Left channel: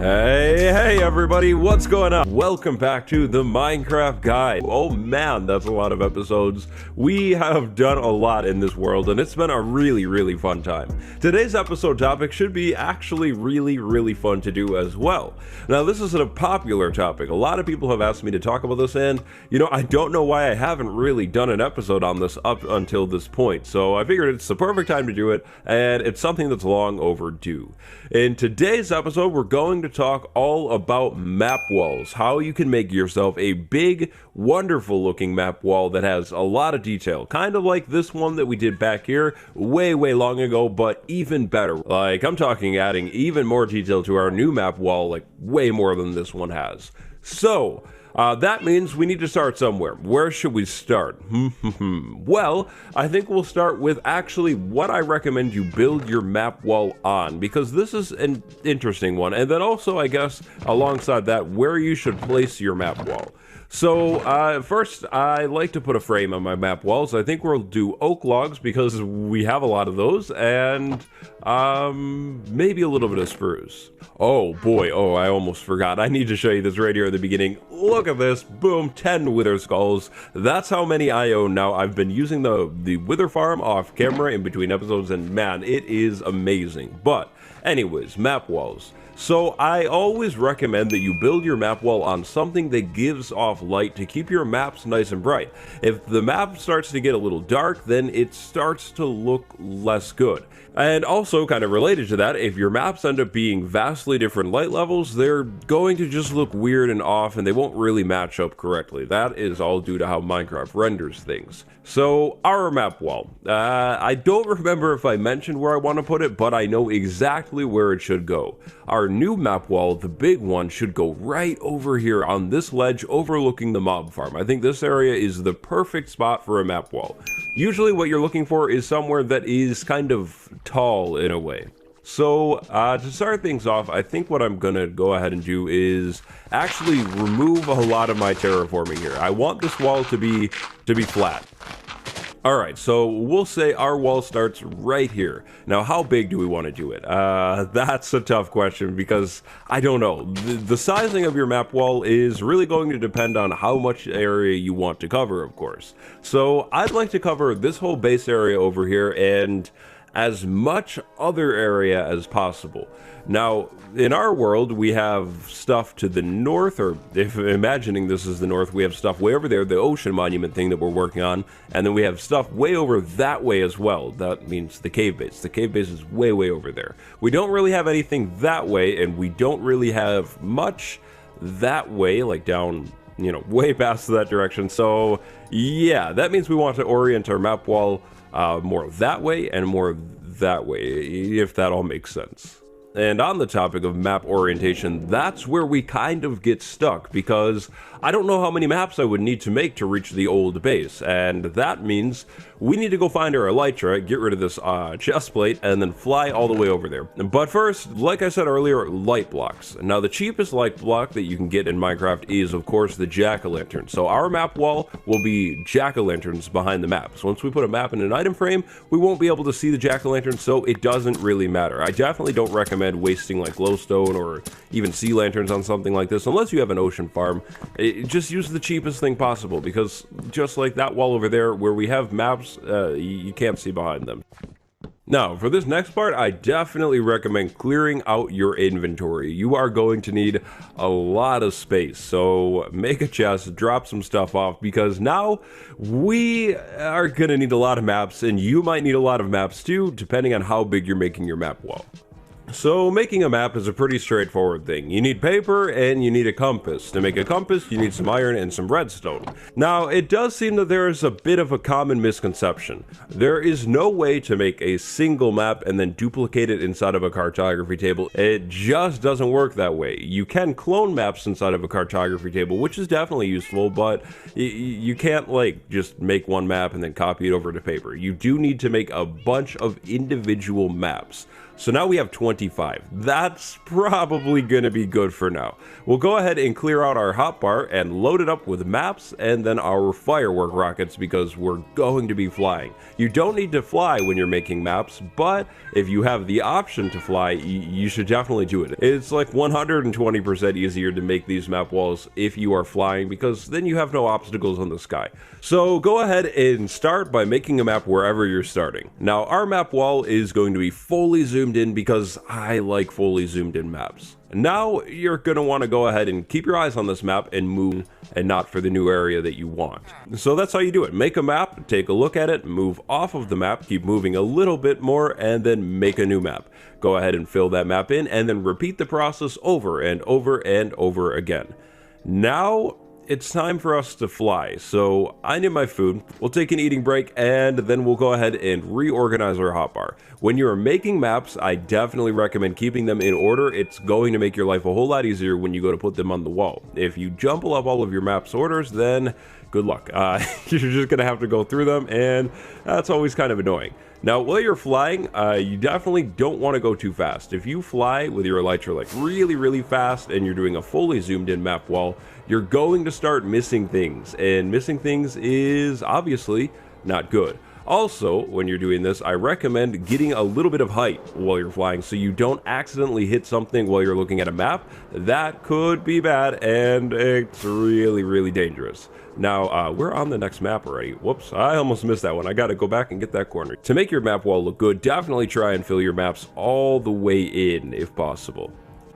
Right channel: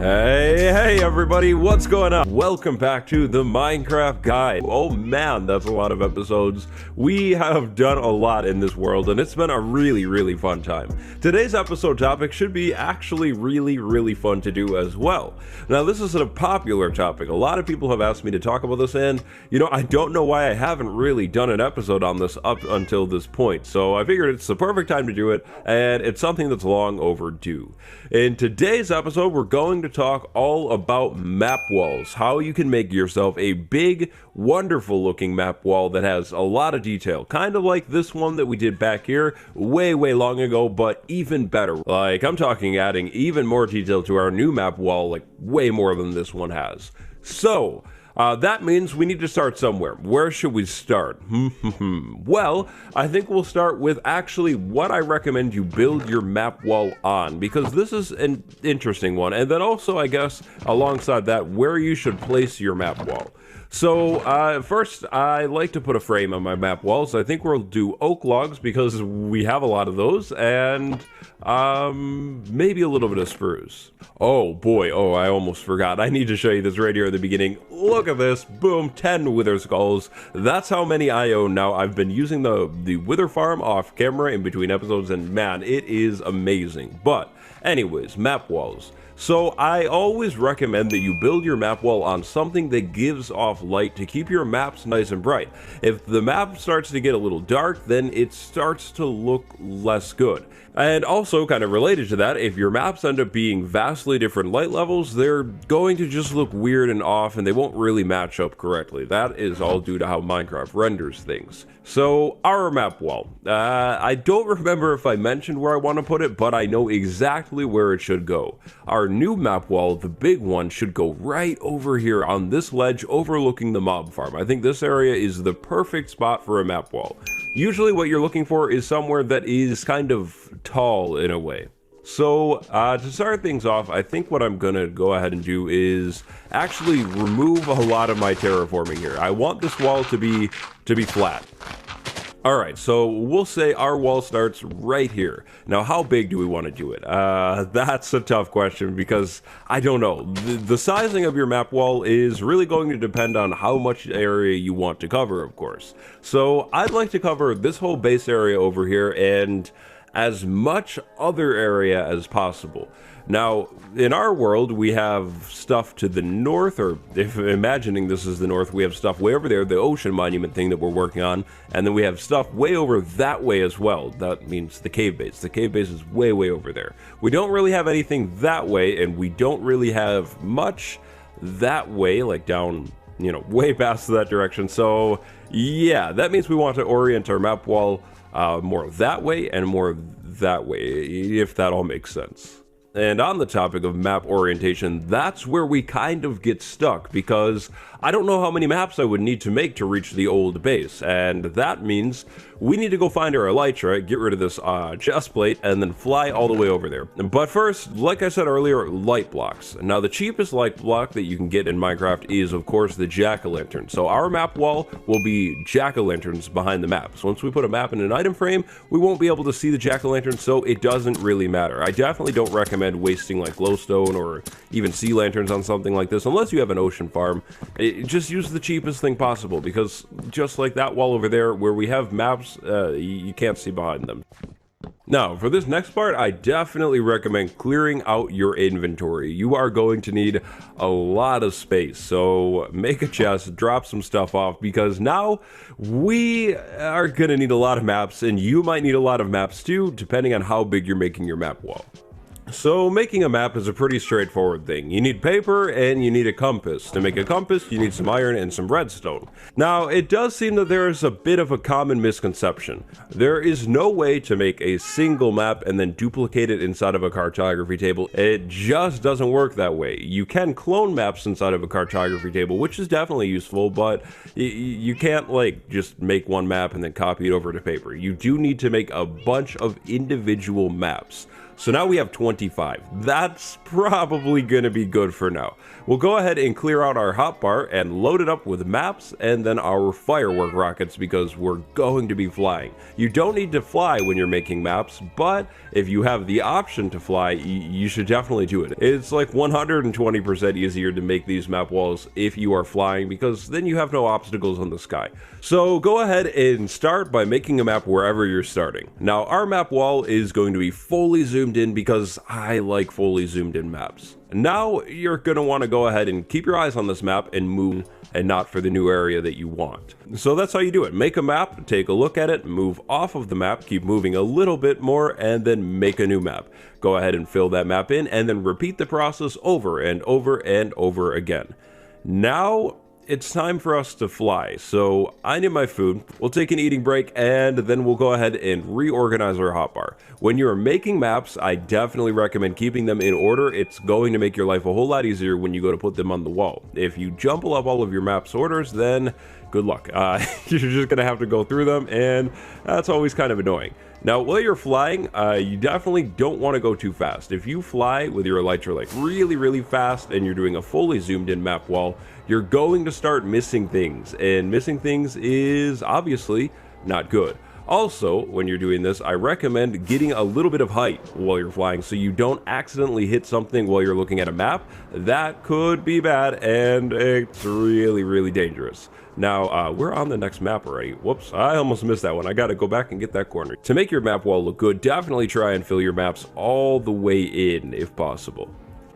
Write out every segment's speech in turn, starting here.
Hey everybody, what's going on? Welcome back to the Minecraft Guide. Oh man, that's a lot of episodes. We have done a lot in this world and it's been a really fun time. Today's episode topic should be actually really fun to do as well. Now this is a popular topic. A lot of people have asked me to talk about this and, I don't know why I haven't really done an episode on this up until this point. So I figured it's the perfect time to do it and it's something that's long overdue. In today's episode, we're going to talk all about map walls, how you can make yourself a big, wonderful looking map wall that has a lot of detail, kind of like this one that we did back here way long ago, but even better. Like, I'm talking adding even more detail to our new map wall, like way more than this one has. So, that means we need to start somewhere. Where should we start? Well, I think we'll start with actually what I recommend you build your map wall on, because this is an interesting one. And then also, I guess, alongside that, where you should place your map wall. So, first, I like to put a frame on my map walls. I think we'll do oak logs because we have a lot of those, and maybe a little bit of spruce. Oh boy, I almost forgot. I need to show you this right here at the beginning. Look at this, boom, 10 wither skulls. That's how many I own now. I've been using the wither farm off camera in between episodes, and man, it is amazing. But anyways, map walls. So I always recommend that you build your map wall on something that gives off light to keep your maps nice and bright. If the map starts to get a little dark, then it starts to look less good. And also, kind of related to that, if your maps end up being vastly different light levels, they're going to just look weird and off, and they won't really match up correctly. That is all due to how Minecraft renders things. So, our map wall. I don't remember if I mentioned where I want to put it, but I know exactly where it should go. Our new map wall, the big one, should go right over here on this ledge overlooking the mob farm. I think this area is the perfect spot for a map wall. Usually what you're looking for is somewhere that is kind of tall in a way. So to start things off, I think what I'm gonna go ahead and do is actually remove a lot of my terraforming here. I want this wall to be flat. All right, so we'll say our wall starts right here. Now, how big do we want to do it? That's a tough question because I don't know. The sizing of your map wall is really going to depend on how much area you want to cover, of course. So I'd like to cover this whole base area over here and as much other area as possible. Now, in our world, we have stuff to the north, or if imagining this is the north, we have stuff way over there, the ocean monument thing that we're working on, and then we have stuff way over that way as well. That means the cave base. The cave base is way over there. We don't really have anything that way, and we don't really have much that way, like down, way past that direction. So, yeah, that means we want to orient our map wall more that way and more that way, if that all makes sense. And on the topic of map orientation, that's where we kind of get stuck, because I don't know how many maps I would need to make to reach the old base, and that means we need to go find our elytra, get rid of this chest plate, and then fly all the way over there. But first, like I said earlier, light blocks. Now, the cheapest light block that you can get in Minecraft is, of course, the jack-o'-lantern. So our map wall will be jack-o'-lanterns behind the map. So once we put a map in an item frame, we won't be able to see the jack-o'-lantern, so it doesn't really matter. I definitely don't recommend wasting like glowstone or even sea lanterns on something like this, unless you have an ocean farm. Just use the cheapest thing possible, because just like that wall over there where we have maps, you can't see behind them. Now, for this next part, I definitely recommend clearing out your inventory. You are going to need a lot of space, so make a chest, drop some stuff off, because now we are going to need a lot of maps, and you might need a lot of maps too, depending on how big you're making your map wall. So making a map is a pretty straightforward thing. You need paper and you need a compass. To make a compass, you need some iron and some redstone. Now, it does seem that there is a bit of a common misconception. There is no way to make a single map and then duplicate it inside of a cartography table. It just doesn't work that way. You can clone maps inside of a cartography table, which is definitely useful, but you can't like just make one map and then copy it over to paper. You do need to make a bunch of individual maps. So now we have 25. That's probably gonna be good for now. We'll go ahead and clear out our hotbar and load it up with maps and then our firework rockets because we're going to be flying. You don't need to fly when you're making maps, but if you have the option to fly, you should definitely do it. It's like 120% easier to make these map walls if you are flying because then you have no obstacles in the sky. So go ahead and start by making a map wherever you're starting. Now our map wall is going to be fully zoomed in because I like fully zoomed in maps. Now you're going to want to go ahead and keep your eyes on this map and move and not for the new area that you want. So that's how you do it. Make a map, take a look at it, move off of the map, keep moving a little bit more, and then make a new map. Go ahead and fill that map in and then repeat the process over and over and over again. Now it's time for us to fly. So I need my food, we'll take an eating break, and then we'll go ahead and reorganize our hotbar. When you're making maps, I definitely recommend keeping them in order. It's going to make your life a whole lot easier when you go to put them on the wall. If you jumble up all of your maps orders, then good luck. You're just gonna have to go through them, and that's always kind of annoying. Now, while you're flying, you definitely don't want to go too fast. If you fly with your elytra like really, really fast and you're doing a fully zoomed in map wall, you're going to start missing things, and missing things is obviously not good. Also, when you're doing this, I recommend getting a little bit of height while you're flying so you don't accidentally hit something while you're looking at a map. That could be bad, and it's really, really dangerous. Now, we're on the next map already. Whoops, I almost missed that one. I gotta go back and get that corner. To make your map wall look good, definitely try and fill your maps all the way in if possible.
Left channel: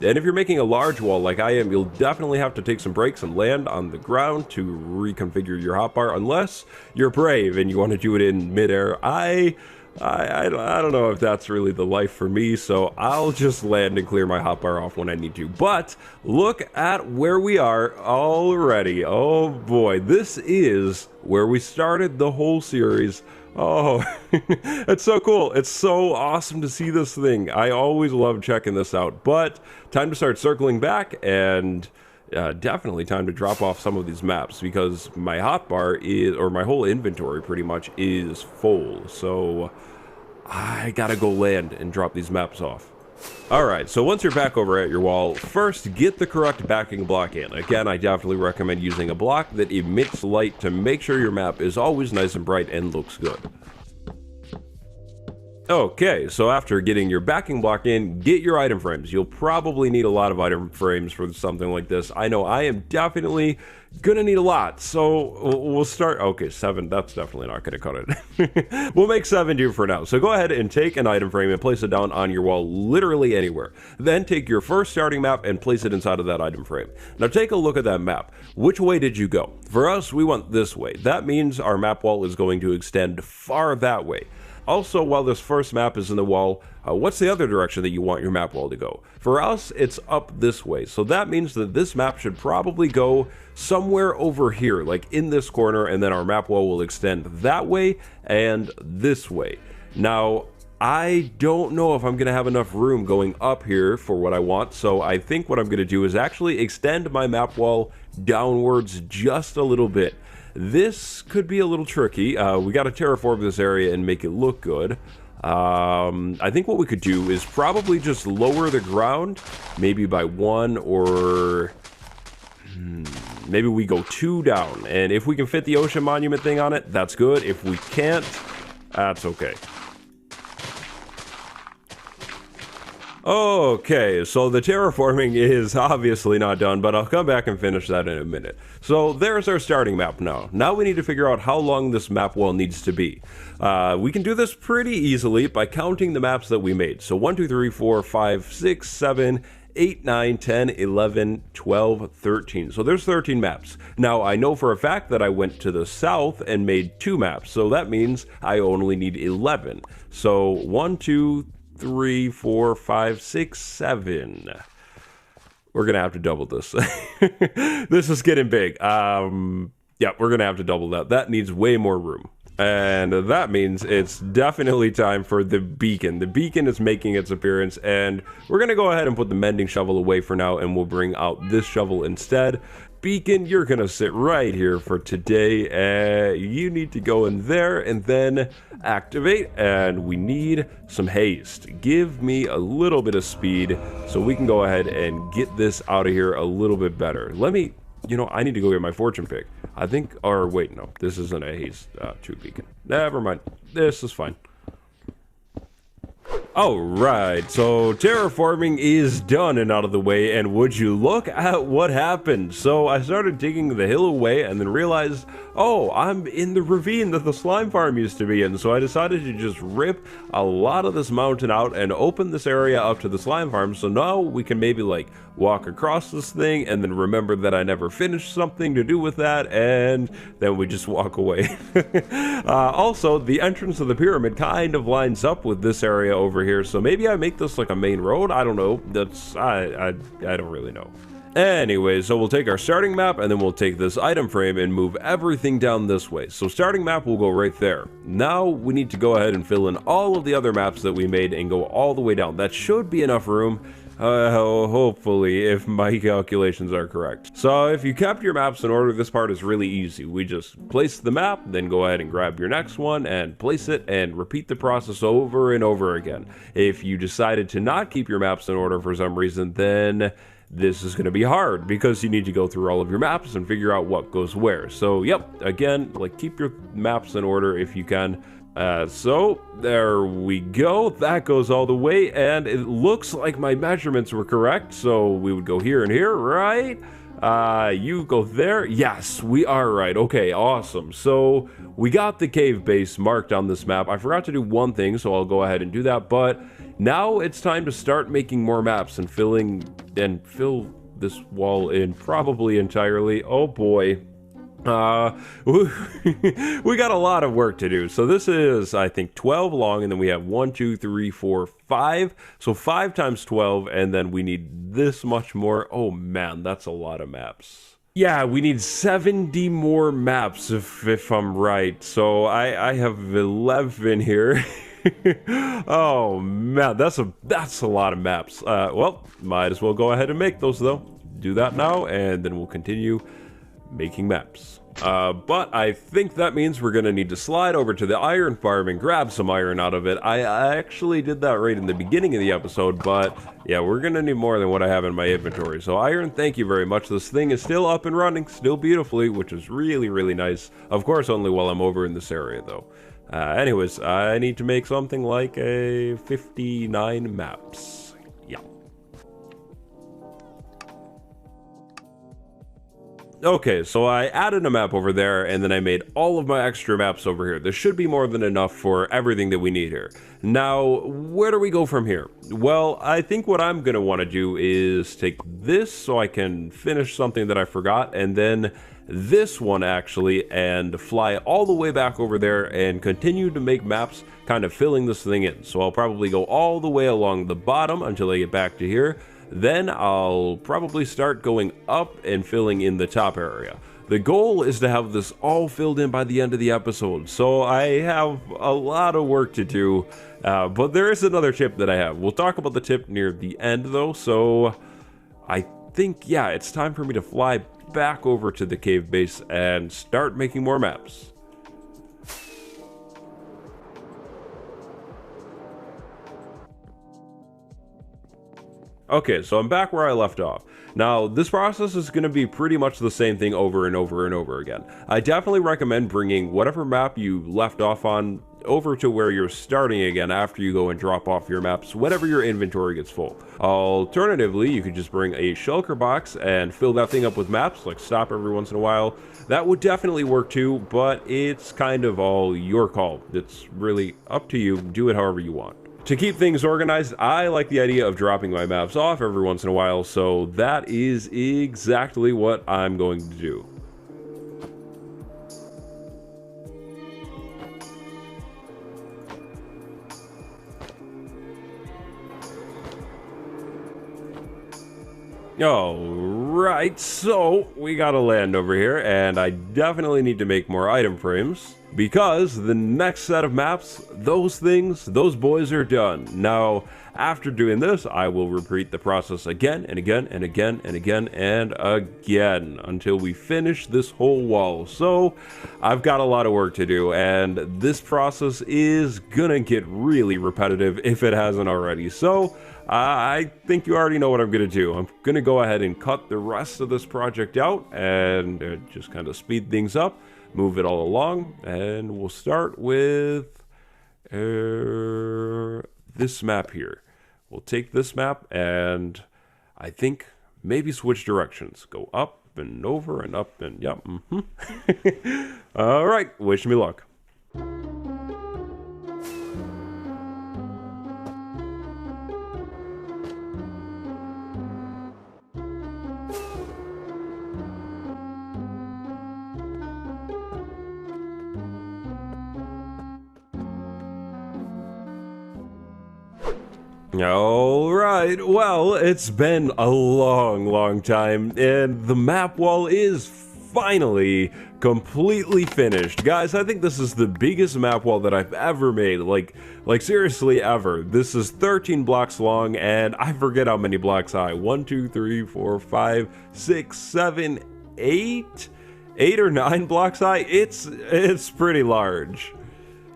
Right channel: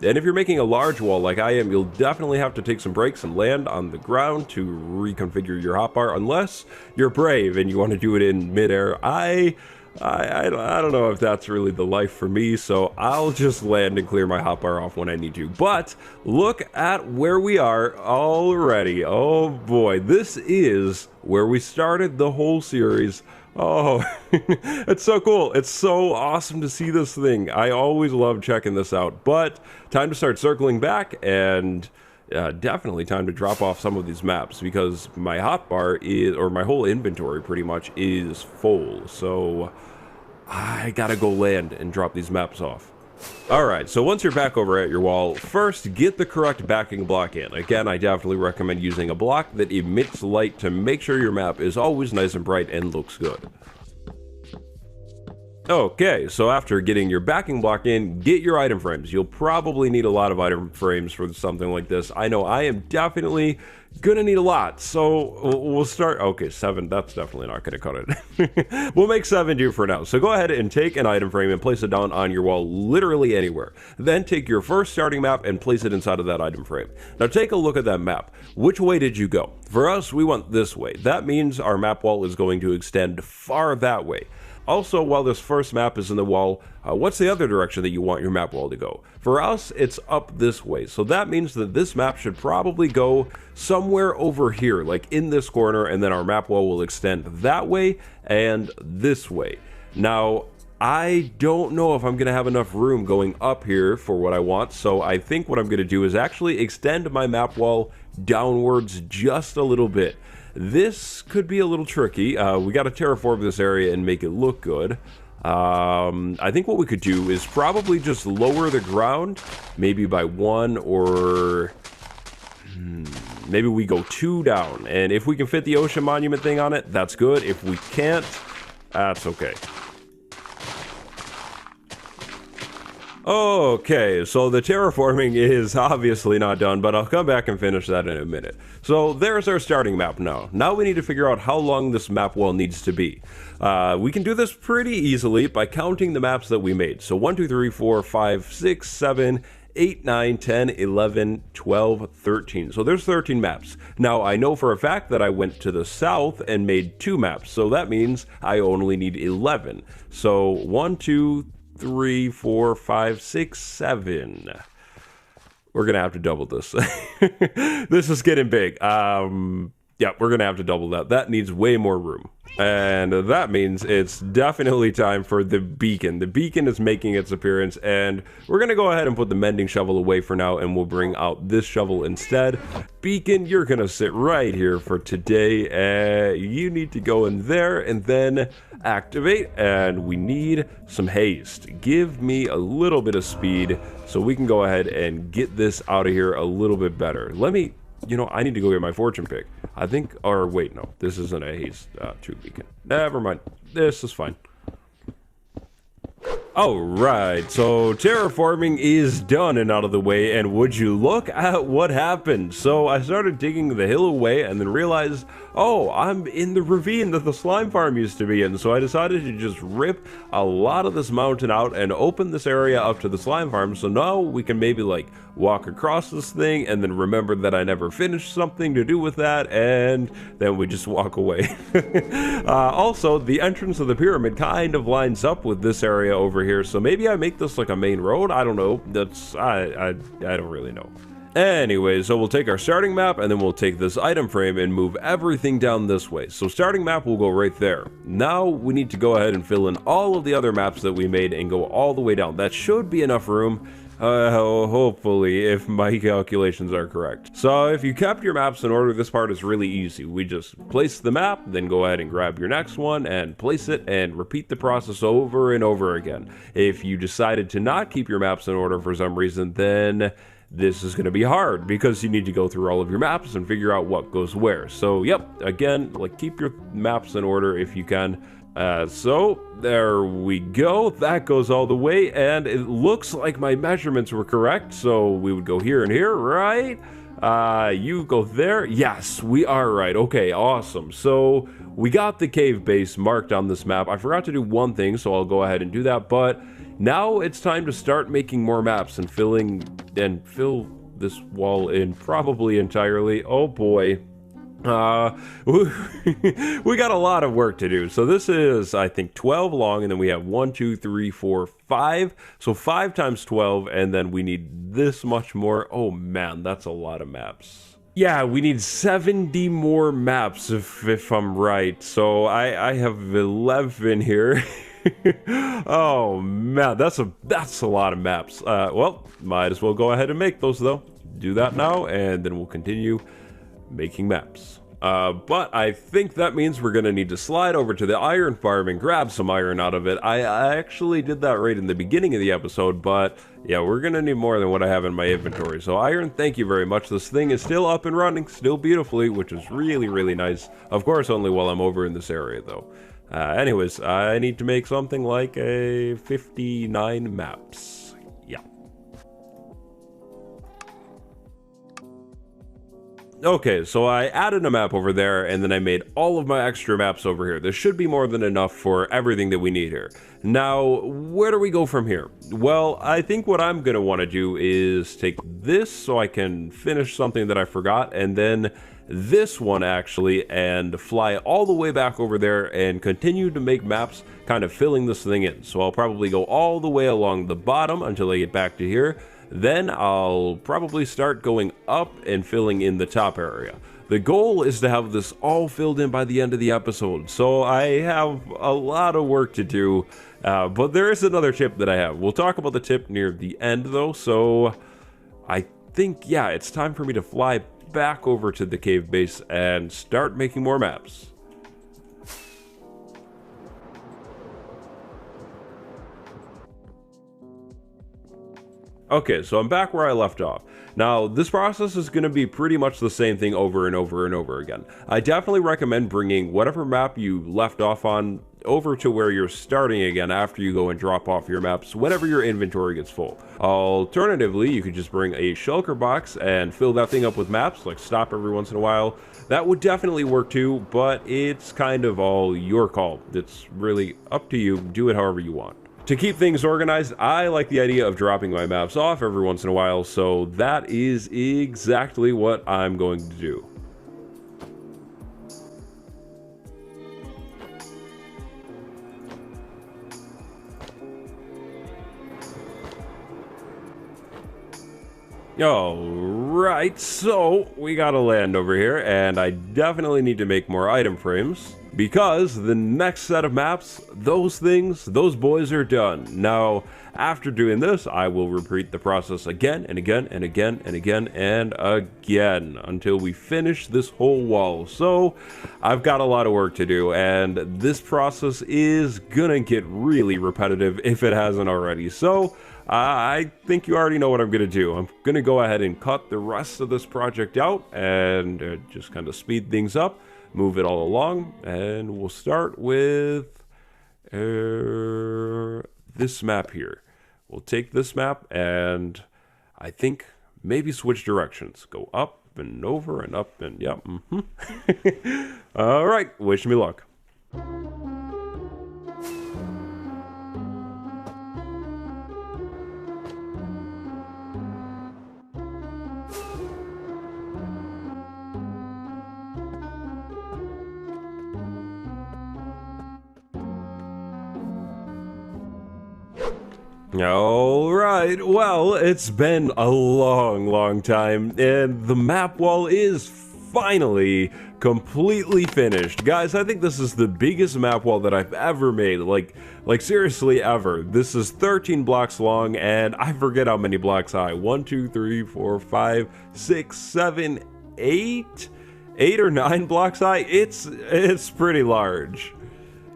And if you're making a large wall like I am, you'll definitely have to take some breaks and land on the ground to reconfigure your hotbar, unless you're brave and you want to do it in midair. I don't know if that's really the life for me, so I'll just land and clear my hotbar off when I need to. But look at where we are already. Oh boy, this is where we started the whole series. Oh, it's so cool. It's so awesome to see this thing. I always love checking this out, but time to start circling back, and definitely time to drop off some of these maps because my hotbar is, or my whole inventory pretty much is full. So I gotta go land and drop these maps off. Alright, so once you're back over at your wall, first get the correct backing block in. Again, I definitely recommend using a block that emits light to make sure your map is always nice and bright and looks good. Okay, so after getting your backing block in, get your item frames. You'll probably need a lot of item frames for something like this. I know I am definitely gonna need a lot, so we'll start. Okay, 7, that's definitely not gonna cut it. We'll make 7 do for now. So go ahead and take an item frame and place it down on your wall, literally anywhere. Then take your first starting map and place it inside of that item frame. Now take a look at that map. Which way did you go? For us, we went this way. That means our map wall is going to extend far that way. Also, while this first map is in the wall, what's the other direction that you want your map wall to go? For us, it's up this way. So that means that this map should probably go somewhere over here, like in this corner, and then our map wall will extend that way and this way. Now, I don't know if I'm going to have enough room going up here for what I want, so I think what I'm going to do is actually extend my map wall downwards just a little bit. This could be a little tricky. We got to terraform this area and make it look good. I think what we could do is probably just lower the ground, maybe by 1, or maybe we go 2 down. And if we can fit the ocean monument thing on it, that's good. If we can't, that's okay. Okay, so the terraforming is obviously not done, but I'll come back and finish that in a minute. So there's our starting map now. Now we need to figure out how long this map wall needs to be. We can do this pretty easily by counting the maps that we made. So 1, 2, 3, 4, 5, 6, 7, 8, 9, 10, 11, 12, 13. So there's 13 maps. Now I know for a fact that I went to the south and made 2 maps. So that means I only need 11. So 1, 2, 3, 4, 5, 6, 7. We're gonna have to double this. This is getting big. Yeah, we're gonna have to double that. That needs way more room. And that means it's definitely time for the beacon. The beacon is making its appearance, and we're gonna go ahead and put the mending shovel away for now, and we'll bring out this shovel instead. Beacon, you're gonna sit right here for today. You need to go in there, and then activate, and we need some haste. Give me a little bit of speed so we can go ahead and get this out of here a little bit better. Let me, I need to go get my fortune pick. I think, or wait, no, this isn't a haste 2 beacon. Never mind, this is fine. Alright, so terraforming is done and out of the way, and would you look at what happened? So I started digging the hill away and then realized, oh, I'm in the ravine that the slime farm used to be in, so I decided to just rip a lot of this mountain out and open this area up to the slime farm, so now we can maybe like walk across this thing and then remember that I never finished something to do with that, and then we just walk away. Also, the entrance of the pyramid kind of lines up with this area over here, so maybe I make this like a main road. I don't know. I don't really know. Anyway, so we'll take our starting map and then we'll take this item frame and move everything down this way. So starting map will go right there. Now we need to go ahead and fill in all of the other maps that we made and go all the way down. That should be enough room. Hopefully, if my calculations are correct. So if you kept your maps in order, this part is really easy. We just place the map, then go ahead and grab your next one and place it and repeat the process over and over again. If you decided to not keep your maps in order for some reason, then this is going to be hard because you need to go through all of your maps and figure out what goes where. So yep, again, like keep your maps in order if you can. So there we go. That goes all the way, and it looks like my measurements were correct. So we would go here and here, right? You go there. Yes, we are right. Okay, awesome. So we got the cave base marked on this map. I forgot to do one thing, so I'll go ahead and do that. But now it's time to start making more maps and fill this wall in probably entirely. Oh boy. We got a lot of work to do. So this is, I think, 12 long, and then we have 1, 2, 3, 4, 5. So 5 times 12, and then we need this much more. Oh man, that's a lot of maps. Yeah, we need 70 more maps if I'm right. So I have 11 here. Oh man, that's a lot of maps. Well, might as well go ahead and make those though. Do that now, and then we'll continue making maps. But I think that means we're gonna need to slide over to the iron farm and grab some iron out of it. I actually did that right in the beginning of the episode, but yeah, we're gonna need more than what I have in my inventory. So iron, thank you very much. This thing is still up and running, still beautifully, which is really, really nice. Of course, only while I'm over in this area though. Anyways, I need to make something like a 59 maps. Okay, so I added a map over there, and then I made all of my extra maps over here. There should be more than enough for everything that we need here. Now, where do we go from here? Well, I think what I'm going to want to do is take this so I can finish something that I forgot, and then this one actually, and fly all the way back over there and continue to make maps, kind of filling this thing in. So I'll probably go all the way along the bottom until I get back to here. Then I'll probably start going up and filling in the top area. The goal is to have this all filled in by the end of the episode, so I have a lot of work to do, but there is another tip that I have. We'll talk about the tip near the end though, so I think, yeah, it's time for me to fly back over to the cave base and start making more maps. Okay, so I'm back where I left off. Now, this process is going to be pretty much the same thing over and over and over again. I definitely recommend bringing whatever map you left off on over to where you're starting again after you go and drop off your maps whenever your inventory gets full. Alternatively, you could just bring a shulker box and fill that thing up with maps, like stop every once in a while. That would definitely work too, but it's kind of all your call. It's really up to you. Do it however you want. To keep things organized, I like the idea of dropping my maps off every once in a while, so that is exactly what I'm going to do. Alright, so we gotta land over here, and I definitely need to make more item frames, because the next set of maps, those boys are done. Now, After doing this, I will repeat the process again and again and again and again and again until we finish this whole wall. So I've got a lot of work to do, and this process is gonna get really repetitive if it hasn't already. So I think you already know what I'm gonna do. I'm gonna go ahead and cut the rest of this project out and just kind of speed things up, move it all along, and we'll start with this map here. We'll take this map and I think maybe switch directions. Go up and over and up and yep. All right, wish me luck. Alright, well, it's been a long time, and the map wall is finally completely finished. Guys, I think this is the biggest map wall that I've ever made, like seriously ever. This is 13 blocks long, and I forget how many blocks high. 1, 2, 3, 4, 5, 6, 7, 8? 8 or 9 blocks high? It's pretty large.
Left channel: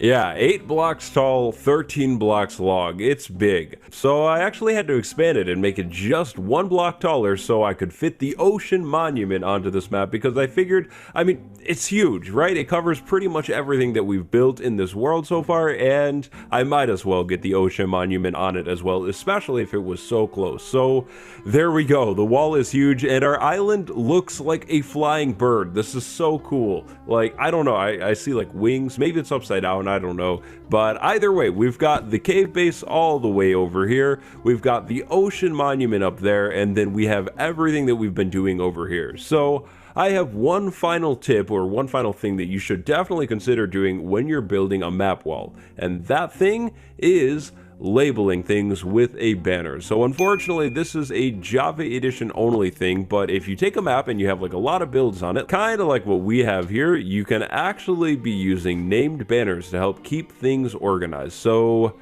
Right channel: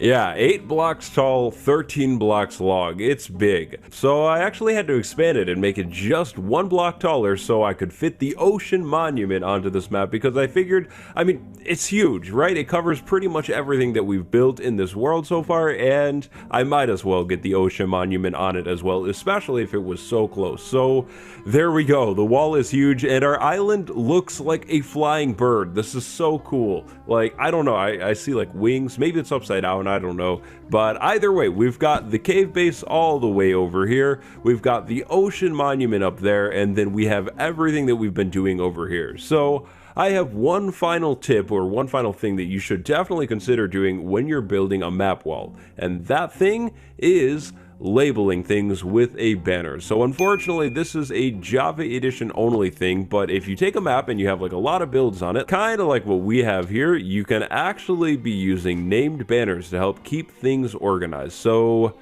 Yeah, 8 blocks tall, 13 blocks long. It's big. So I actually had to expand it and make it just 1 block taller so I could fit the ocean monument onto this map, because I figured, I mean, it's huge, right? It covers pretty much everything that we've built in this world so far, and I might as well get the ocean monument on it as well, especially if it was so close. So there we go. The wall is huge, and our island looks like a flying bird. This is so cool. Like, I don't know, I see like wings. Maybe it's upside down, I don't know. But either way, we've got the cave base all the way over here. We've got the ocean monument up there, and then we have everything that we've been doing over here. So I have one final tip, or one final thing that you should definitely consider doing when you're building a map wall. And that thing is labeling things with a banner. So unfortunately, this is a Java edition only thing, but if you take a map and you have like a lot of builds on it, kind of like what we have here, you can actually be using named banners to help keep things organized. So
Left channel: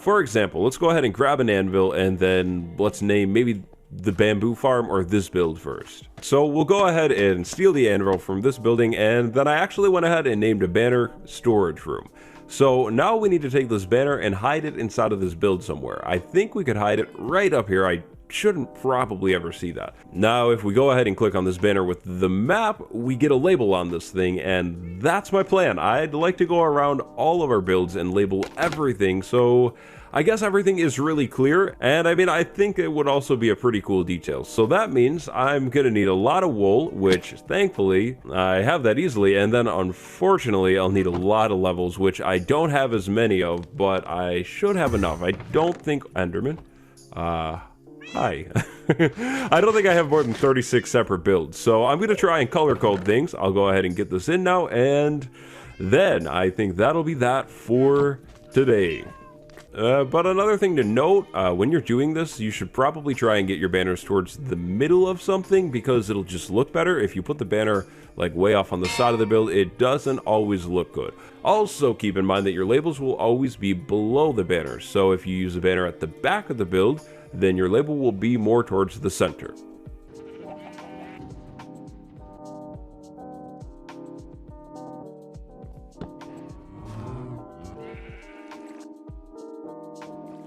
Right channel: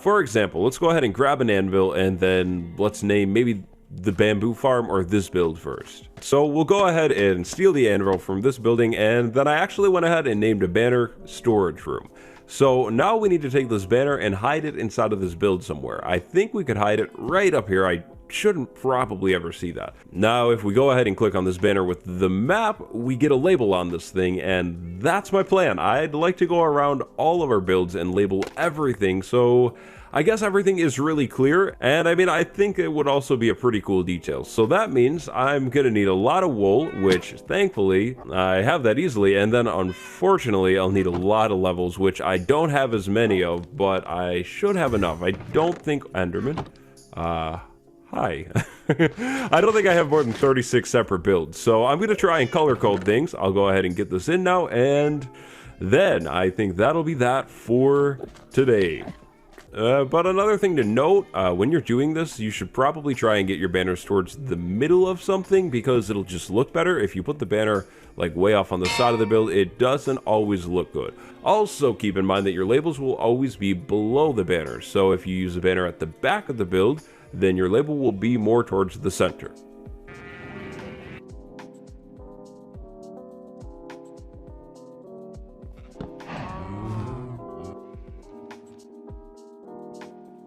for example, let's go ahead and grab an anvil, and then let's name maybe the bamboo farm or this build first. So we'll go ahead and steal the anvil from this building, and then I actually went ahead and named a banner storage room. So now we need to take this banner and hide it inside of this build somewhere. I think we could hide it right up here. I shouldn't probably ever see that. Now, if we go ahead and click on this banner with the map, we get a label on this thing, and that's my plan. I'd like to go around all of our builds and label everything, so I guess everything is really clear, and I mean, I think it would also be a pretty cool detail. So that means I'm gonna need a lot of wool, which thankfully I have that easily, and then unfortunately I'll need a lot of levels, which I don't have as many of, but I should have enough. I don't think Enderman. Hi. I don't think I have more than 36 separate builds, so I'm gonna try and color code things. I'll go ahead and get this in now, and then I think that'll be that for today. But another thing to note, when you're doing this, you should probably try and get your banners towards the middle of something, because it'll just look better. If you put the banner like way off on the side of the build, it doesn't always look good. Also, keep in mind that your labels will always be below the banner. So if you use a banner at the back of the build, then your label will be more towards the center.